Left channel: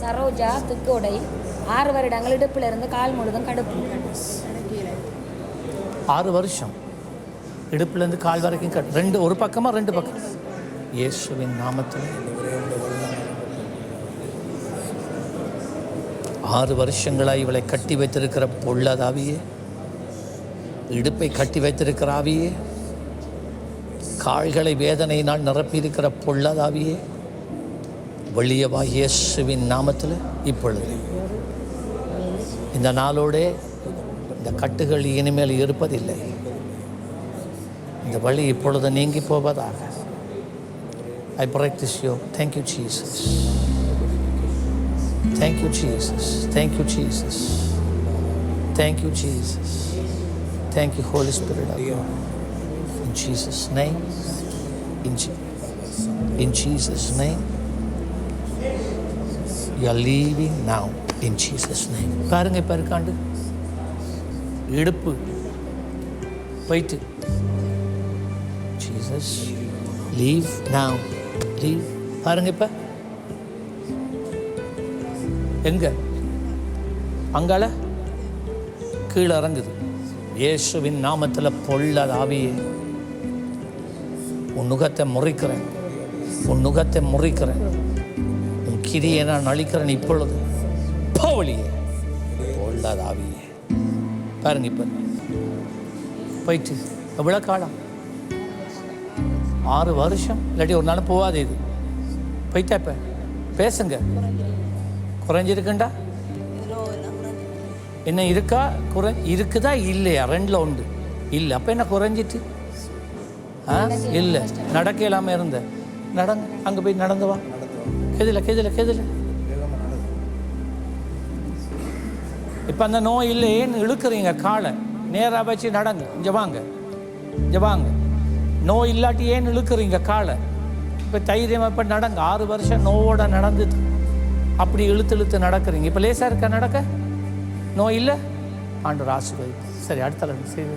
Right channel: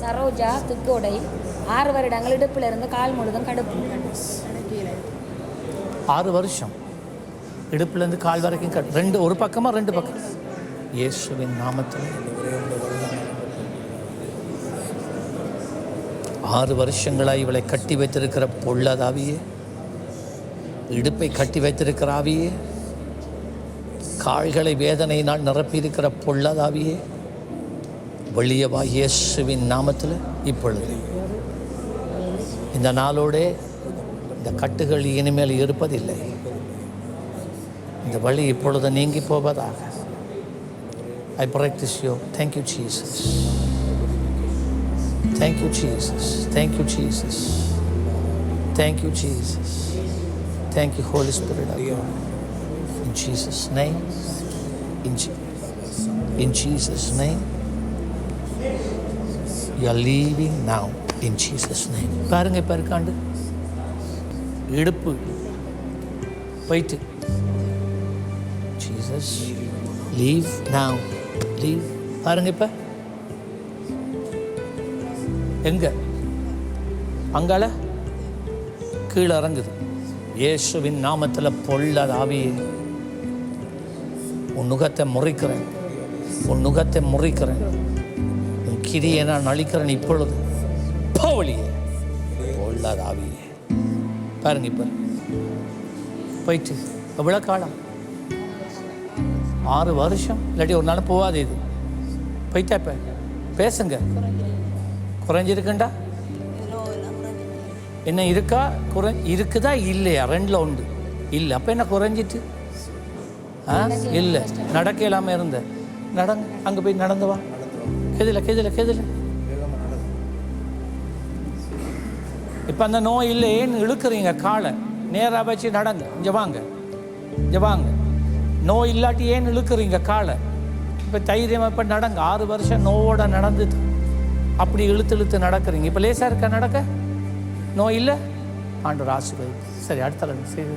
சரோஜா துக்கோடை ஆறு வருடங்கள் இடுப்பிலிருந்து கால் முழுதும் கடுப்பு. ஆறு வருஷம். இடுப்புலேருந்து கால் வரைக்கும் கட் ரெண்டு ஒரு பக்கமாக ரெண்டு பக்கம். இயேசுவின் நாமத்தில் ஆறு வருஷங்களாக இவளை கட்டி வைத்திருக்கிற பொல்லாதாவியே இடுப்பை கட்டி வைத்திருக்கிற ஆவியே கால்களை வேதனையினால் நிரப்பியிருக்கிற பொல்லாதாவியே வெளியவா இயேசுவின் நாமத்தில் இப்பொழுது இந்த நாளோடே இந்த கட்டுகள் இனிமேல் இருப்பதில்லை இந்த வழி இப்பொழுது நீங்கி போவதாக I practice you thank you Jesus thank you Jesus thank you Jesus thank you Jesus thank you holy spirit in Jesus name in in Jesus name you are leaving now in jesus name. பாருங்க இப்போ இருக்காண்டு இடுப்பு. போயிட்டு Jesus leave now. Leave பாருங்க இப்போ. எங்க? அங்கால. கீழே இறங்குது. இயேசுவின் நாமத்தில் பொல்லாத ஆவியே. உன் நுகத்தை முறிக்கிறேன். உன் நுகத்தை முறிக்கிறேன். உன் கிரியை நான் அழிக்கிறேன் இப்பொழுது. போவலியே பொல்லாத ஆவியே. பாருங்க இப்போ. போயிட்டு எவ்வளோ காலம் ஆறு வருஷம் இல்லாட்டி ஒரு நாள் போகாது இது. போயிட்டா இப்போ. பேசுங்க. குறைஞ்சிருக்குண்டா? என்ன இருக்கா? குறை இருக்குதா? இல்லையா? ரெண்டில் உண்டு இல்லை அப்போ என்ன குறைஞ்சிட்டு? ஆ? இல்லை. நடக்க இல்லாமல் இருந்த. நடங்க அங்கே போய் நடந்து வா. கெதில கெதில கெதில இப்போ அந்த நோய் இல்லை ஏன்னு இழுக்கிறீங்க காலை. நேராக வச்சு நடங்க. இங்கே வாங்க. இங்கே வாங்க. நோய் இல்லாட்டி ஏன் இழுக்கிறீங்க காலை. இப்போ தைரியமாக இப்போ நடங்க. ஆறு வருஷம் நோவோட நடந்து அப்படி இழுத்து இழுத்து நடக்கிறீங்க. இப்போ லேசாக இருக்கா நடக்க? நோய் இல்லை? ஆண்டு ஆசீர்வதி சரி அடுத்த செய்து